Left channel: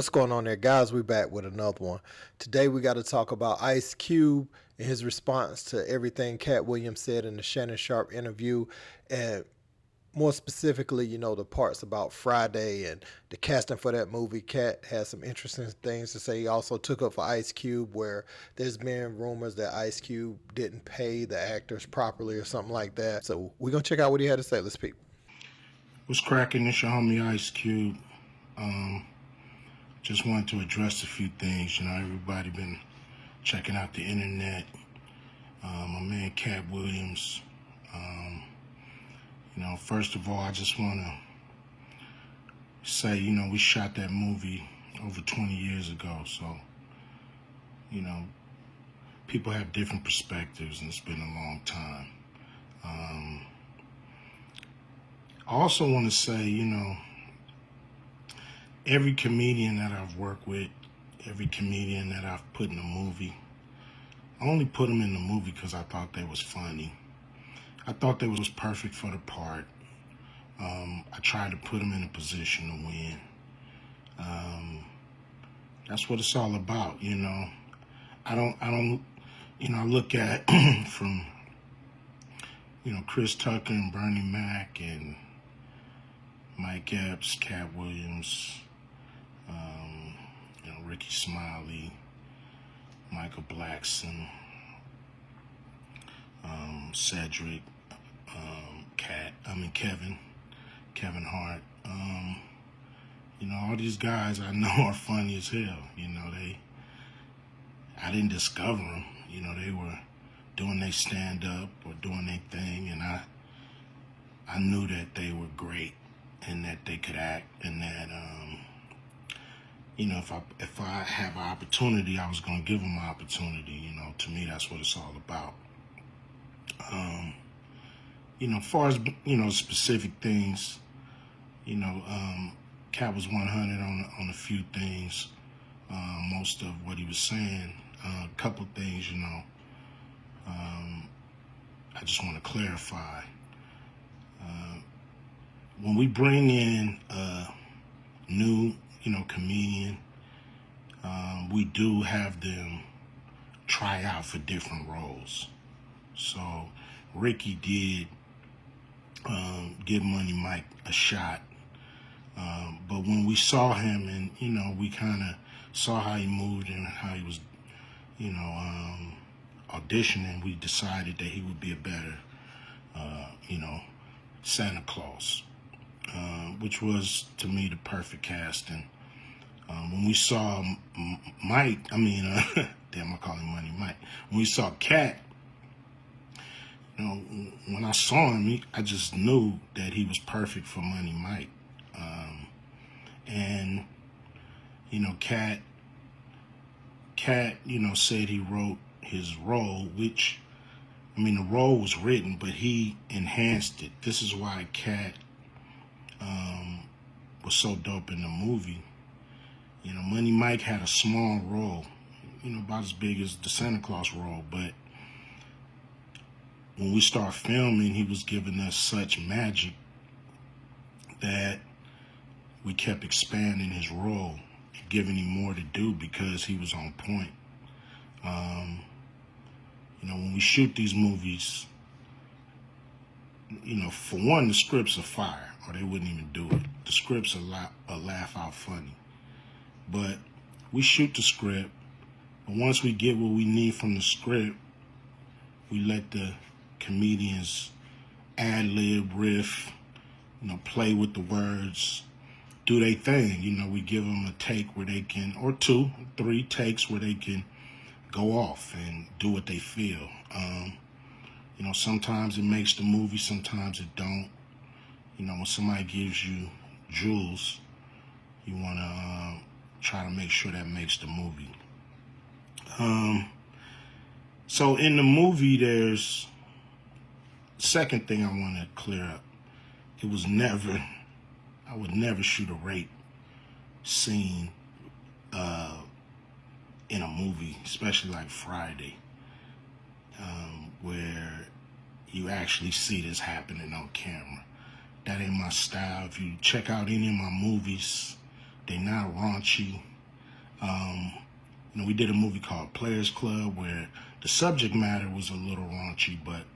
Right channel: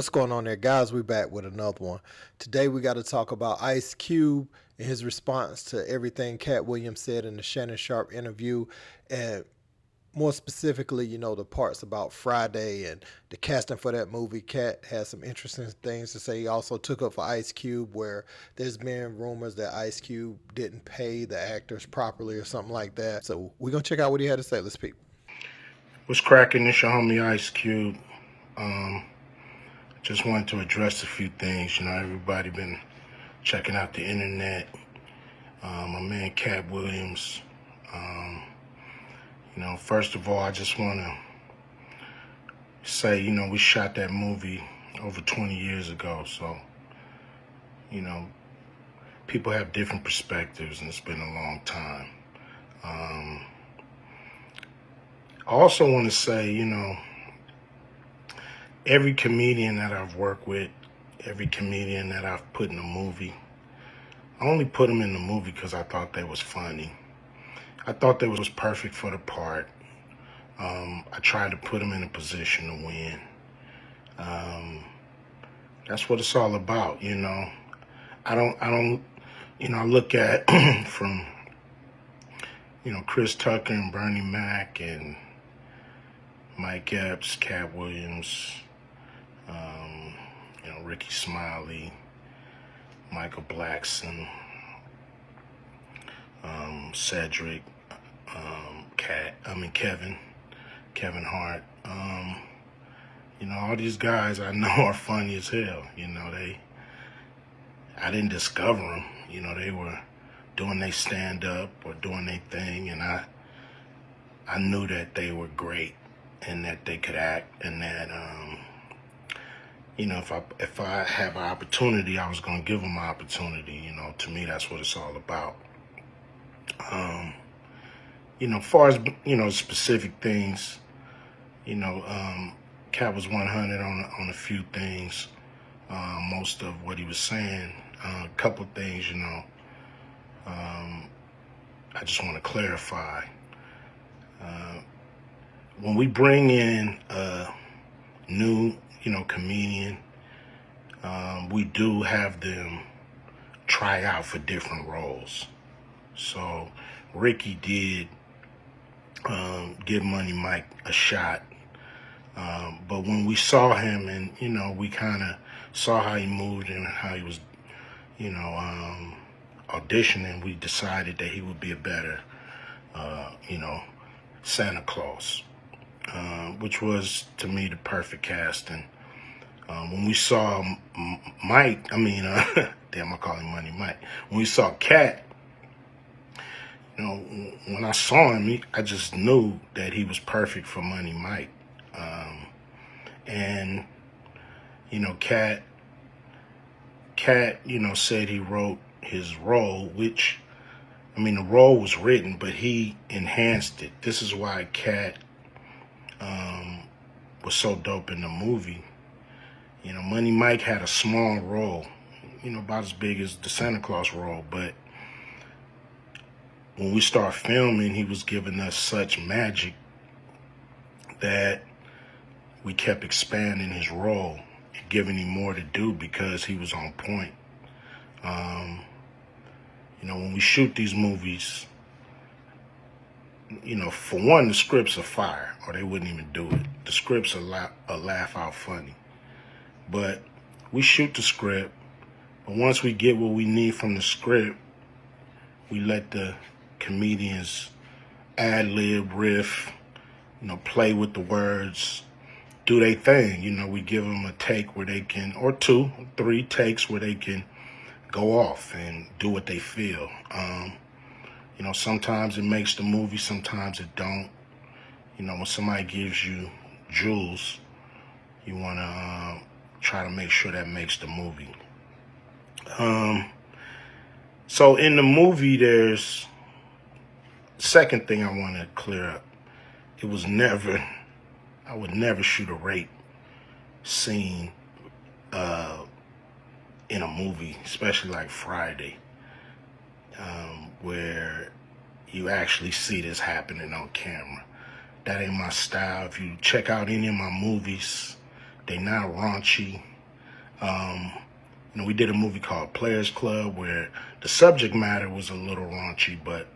What's going on there, guys? We back with another one. Today we got to talk about Ice Cube and his response to everything Katt Williams said in the Shannon Sharpe interview, and more specifically, the parts about Friday and the casting for that movie. Katt has some interesting things to say. He also took up for Ice Cube, where there's been rumors that Ice Cube didn't pay the actors properly or something like that. So we're gonna check out what he had to say. Let's peep. What's cracking? It's your homie Ice Cube. Just wanted to address a few things. Everybody been checking out the internet. My man Katt Williams. First of all, I just want to say, we shot that movie over 20 years ago. So, people have different perspectives, and it's been a long time. I also want to say, every comedian that I've worked with, every comedian that I've put in a movie, I only put them in the movie because I thought they was funny. I thought they was perfect for the part. I tried to put them in a position to win. That's what it's all about, I look at from, Chris Tucker and Bernie Mac and Mike Epps, Katt Williams, Ricky Smiley, Michael Blackson, Cedric, Kevin Hart. All these guys I know are funny as hell. I didn't discover them. They were doing their stand-up or doing their thing, and I knew that they were great and that they could act, and that if I have an opportunity, I was gonna give them an opportunity. To me, that's what it's all about. Far as specific things, Katt was 100 on a few things. Most of what he was saying, a couple of things, I just want to clarify. When we bring in a new, comedian, we do have them try out for different roles. So Ricky did give Money Mike a shot. But when we saw him and, we kind of saw how he moved and how he was, auditioning, we decided that he would be a better, Santa Claus, which was, to me, the perfect casting. When we saw Mike, damn, I call him Money Mike. When we saw Katt, when I saw him, I just knew that he was perfect for Money Mike. And, Katt, said he wrote his role, which, the role was written, but he enhanced it. This is why Katt was so dope in the movie. Money Mike had a small role, about as big as the Santa Claus role, but when we start filming, he was giving us such magic that we kept expanding his role and giving him more to do because he was on point. When we shoot these movies, for one, the scripts are fire, or they wouldn't even do it. The scripts are laugh out funny. But we shoot the script, but once we get what we need from the script, we let the comedians ad-lib, riff, play with the words, do their thing. We give them a take where they can, or 2, 3 takes where they can go off and do what they feel. Sometimes it makes the movie, sometimes it don't. When somebody gives you jewels, you want to try to make sure that makes the movie. So in the movie, there's second thing I want to clear up. I would never shoot a rape scene in a movie, especially like Friday, where you actually see this happening on camera. That ain't my style. If you check out any of my movies, they're not raunchy. We did a movie called Players Club where the subject matter was a little raunchy, but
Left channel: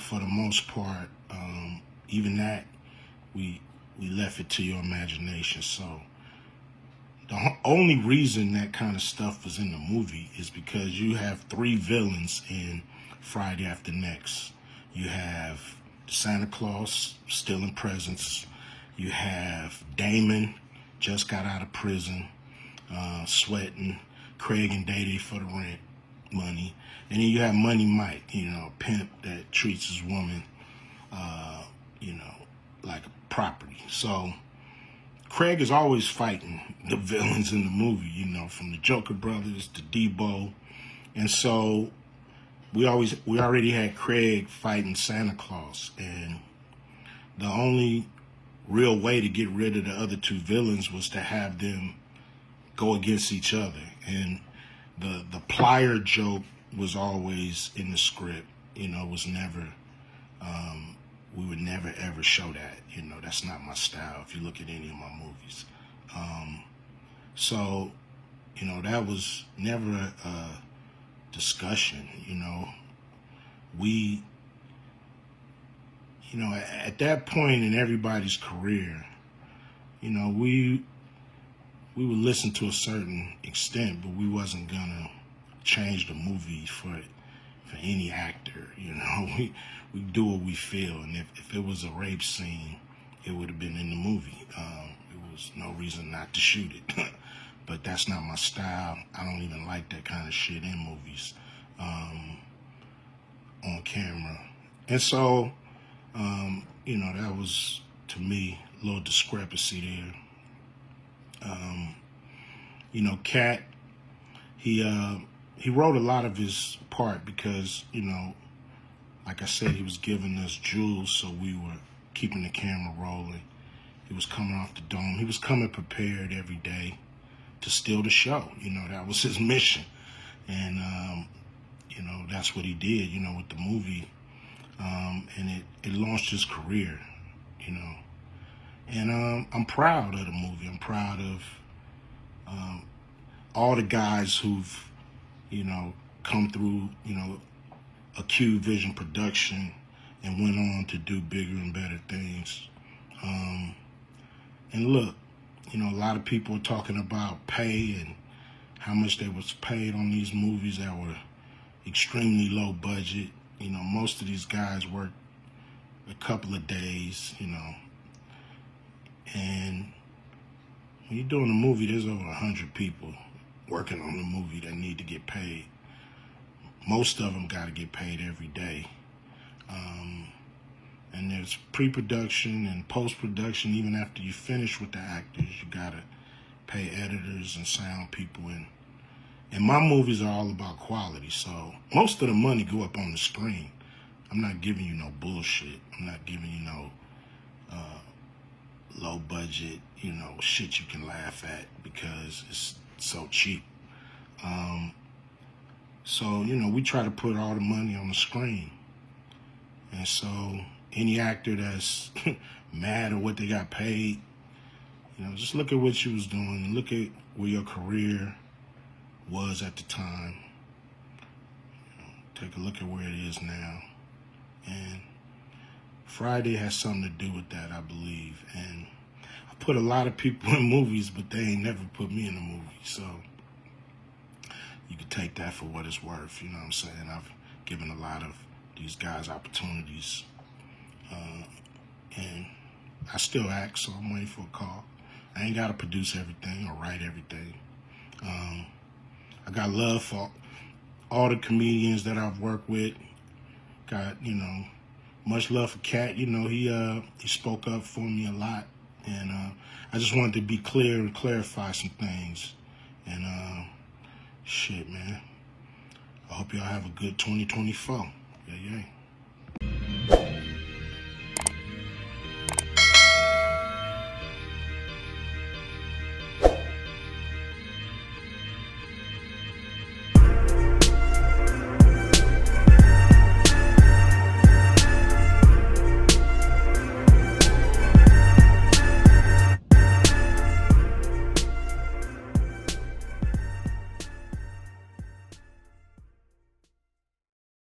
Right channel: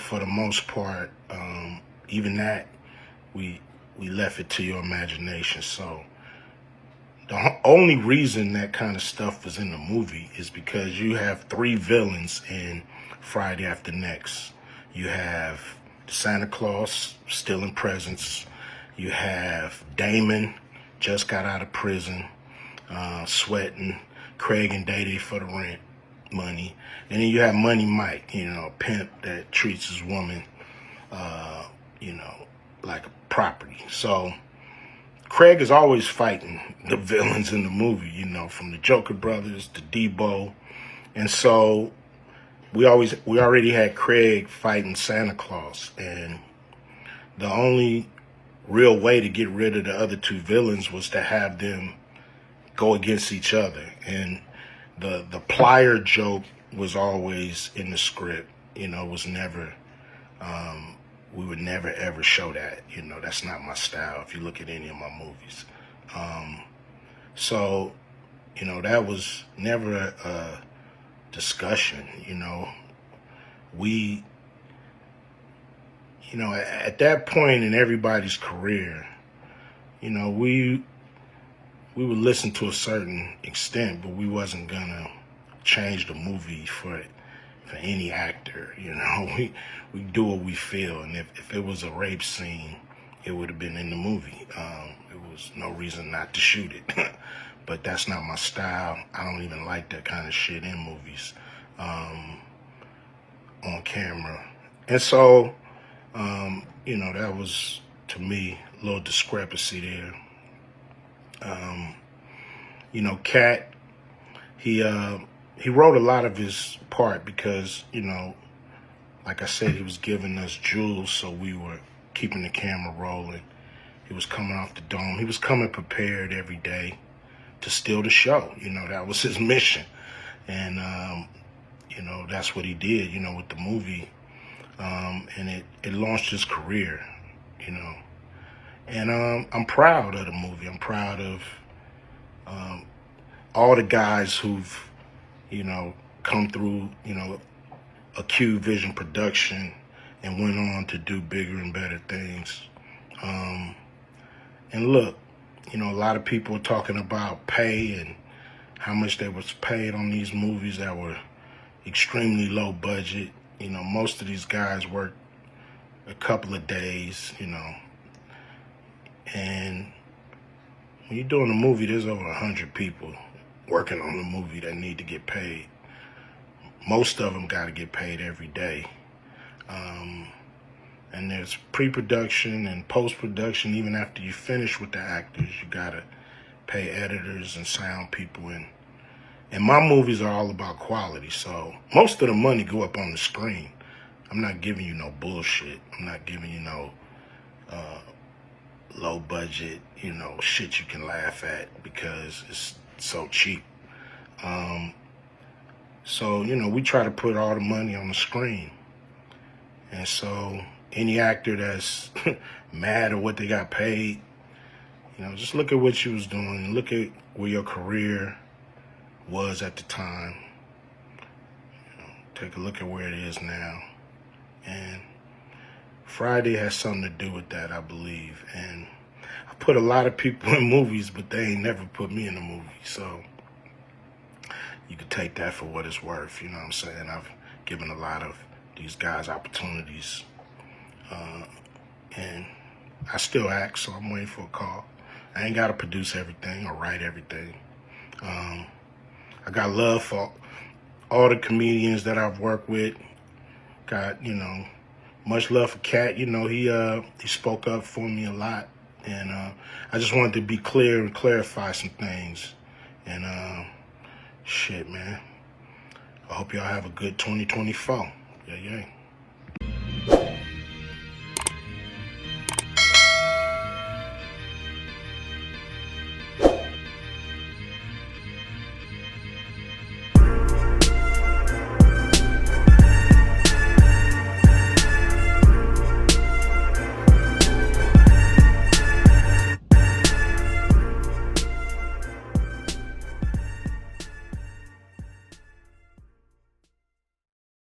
for the most part, even that, we left it to your imagination. So the only reason that kind of stuff was in the movie is because you have 3 villains in Friday After Next. You have Santa Claus stealing presents. You have Damon, just got out of prison, sweating. Craig and Day for the rent money. And then you have Money Mike, a pimp that treats his woman, like a property. So Craig is always fighting the villains in the movie, from the Joker brothers to Debo. And so we already had Craig fighting Santa Claus. And the only real way to get rid of the other 2 villains was to have them go against each other. And the plier joke was always in the script. It was never, we would never ever show that. That's not my style if you look at any of my movies. So, that was never a discussion. We, at that point in everybody's career, we would listen to a certain extent, but we wasn't gonna change the movie for any actor. We do what we feel, and if it was a rape scene, it would have been in the movie. There was no reason not to shoot it. But that's not my style. I don't even like that kind of shit in movies, on camera. And so, that was, to me, a little discrepancy there. Katt, he wrote a lot of his part because, like I said, he was giving us jewels, so we were keeping the camera rolling. He was coming off the dome. He was coming prepared every day to steal the show. That was his mission. And, that's what he did, with the movie. And it launched his career, And I'm proud of the movie. I'm proud of all the guys who've, come through, a Q Vision production and went on to do bigger and better things. And look, a lot of people are talking about pay and how much they was paid on these movies that were extremely low budget. Most of these guys worked a couple of days, and when you're doing a movie, there's over 100 people working on the movie that need to get paid. Most of them got to get paid every day. And there's pre-production and post-production. Even after you finish with the actors, you got to pay editors and sound people. And my movies are all about quality. So most of the money go up on the screen. I'm not giving you no bullshit. I'm not giving you no low budget, shit you can laugh at because it's so cheap. So, we try to put all the money on the screen. And so any actor that's mad at what they got paid, just look at what you was doing. Look at where your career was at the time. Take a look at where it is now. And Friday has something to do with that, I believe. And I put a lot of people in movies, but they ain't never put me in a movie. So you could take that for what it's worth. You know what I'm saying? I've given a lot of these guys opportunities. And I still act, so I'm waiting for a call. I ain't got to produce everything or write everything. I got love for all the comedians that I've worked with. Got, much love for Katt. He spoke up for me a lot. And I just wanted to be clear and clarify some things. And shit, man. I hope y'all have a good 2024. Yeah.